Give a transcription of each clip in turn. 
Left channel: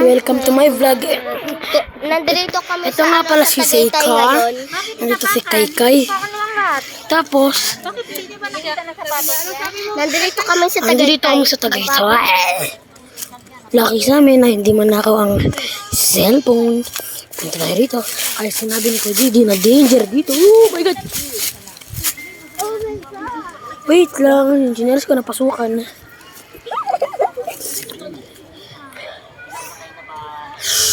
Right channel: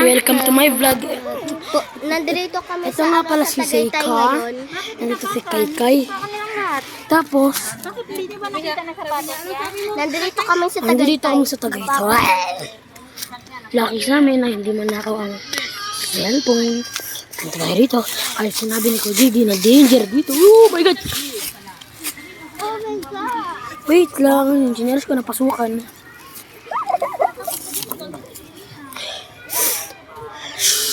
welcome to my vlog. Nandito kami Ito nga pala si Seika. ngayon. Nandito si Kaykay. Tapos, Nandito kami sa andito kami sa Tagaytay. Lucky sa amin na hindi man nakaw ang cellphone. Punta tayo rito. Ay, sinabi ni ko, Gigi, na danger dito. Oh my God! Oh my God! Wait lang, yung sinyals ko napasukan.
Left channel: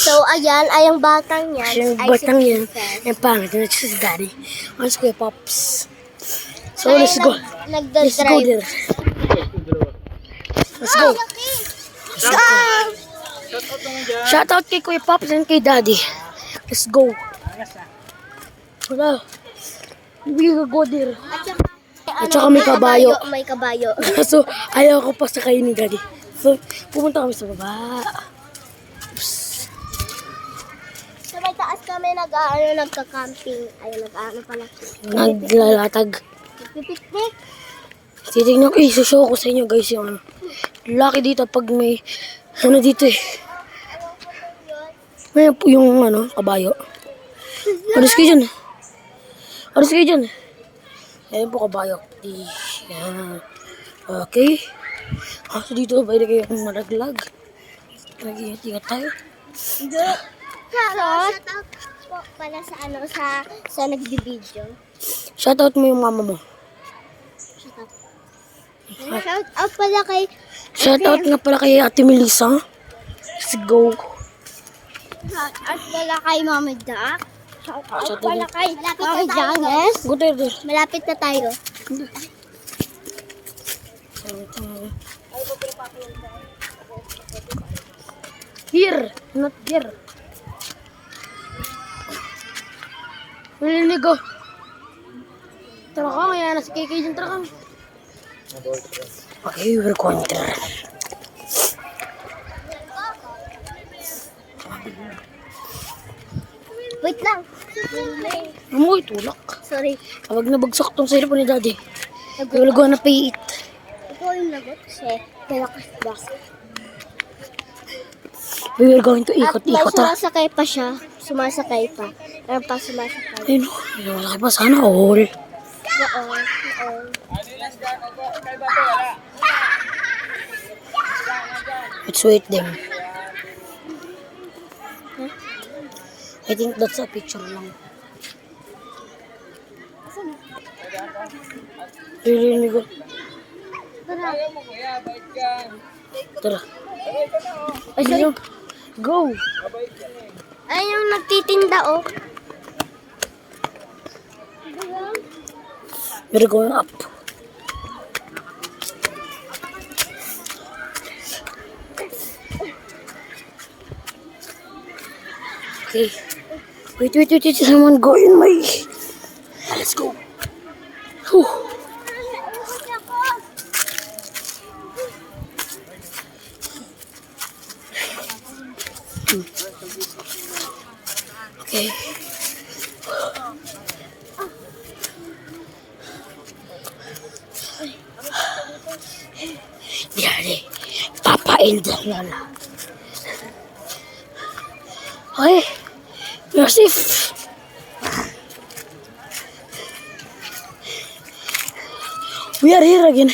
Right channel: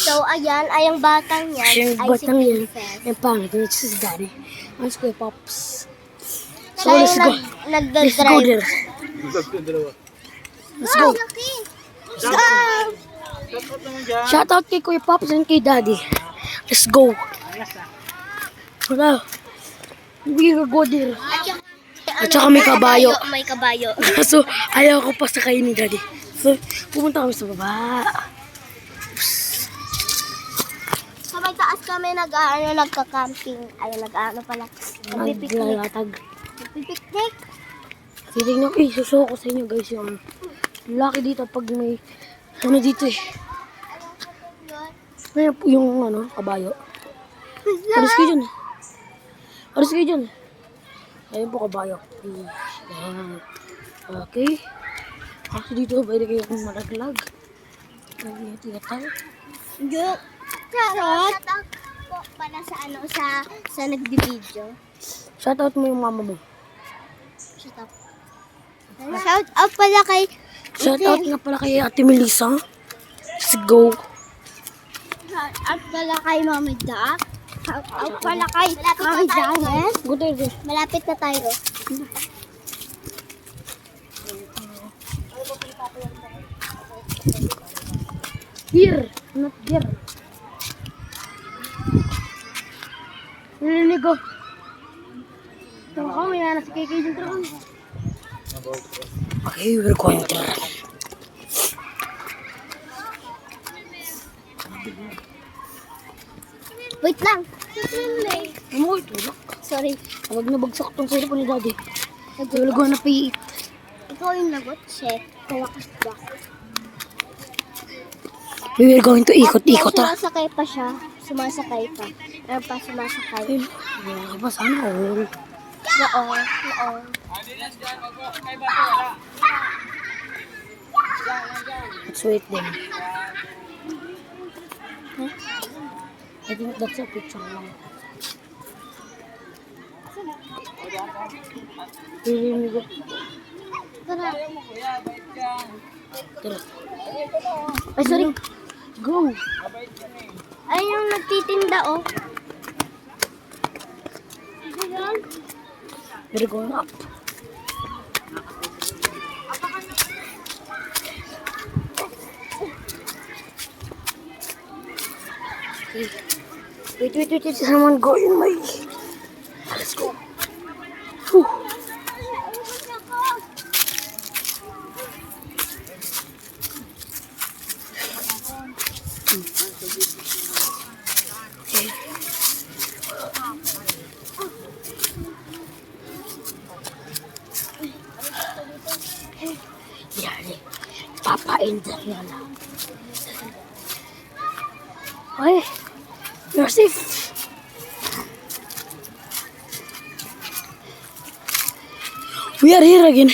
So, ayan, ay ang batang yan. Yung ay batang si yan, Princess. yung pangit, yun si Daddy. Ano si Kuya Pops? So, Ay, let's go. Let's go Nagdadrive. there. Let's go. Let's go! Shout out kay Kuya Pops and kay Daddy. Let's go. Wala. We will go there. At saka may kabayo. May kabayo. So, ayaw ko pa sakay ni Daddy. So, pumunta kami sa baba. Sa may taas kami nagka-camping. Ay, nag-ano pala. Naglalatag. Nagpipiknik. Titignan ko, isushow ko sa inyo guys yung laki dito pag may ano dito eh. May yung ano, kabayo. Alis kayo dyan. Alis kayo dyan. Ayan po kabayo. Yan. Okay. Kasi dito pwede kayo malaglag. Nag-iingat tayo. Charot. Po pala sa ano sa nagbi-video. Shoutout mo yung mama mo. Shout out. Shout out pala kay Shoutout nga pala kay Ate Melissa. Let's go. Shout out pala kay Mama Jack. Shout out pala kay Mama Janice. Go there, there. Malapit na tayo. Here, not here. Narinig ko. Tara ka, kaya nasa KK dyan, tara ka. Okay, we're going to run. Wait lang. Amoy, tulak. Sorry. Huwag na bagsak tong cellphone ni Daddy. Wala ko na pay it. Ikaw yung lagot kasi malakas ba? We are going to ikot-ikot ha. Sumasakay pa siya. Sumasakay pa. Meron pa sumasakay. Ayun, malaki pa sana all. Noon. Let's wait them. I think that's a picture lang. Narinig ko. Tara. Tara. Ay, sorry. Go! Ay, yung nagtitinda, oh. We're going up. Okay. Wait. Someone go in my... Let's go. Whew. Okay. Daddy, Papa and Lola. Hey, you're safe. We are here again.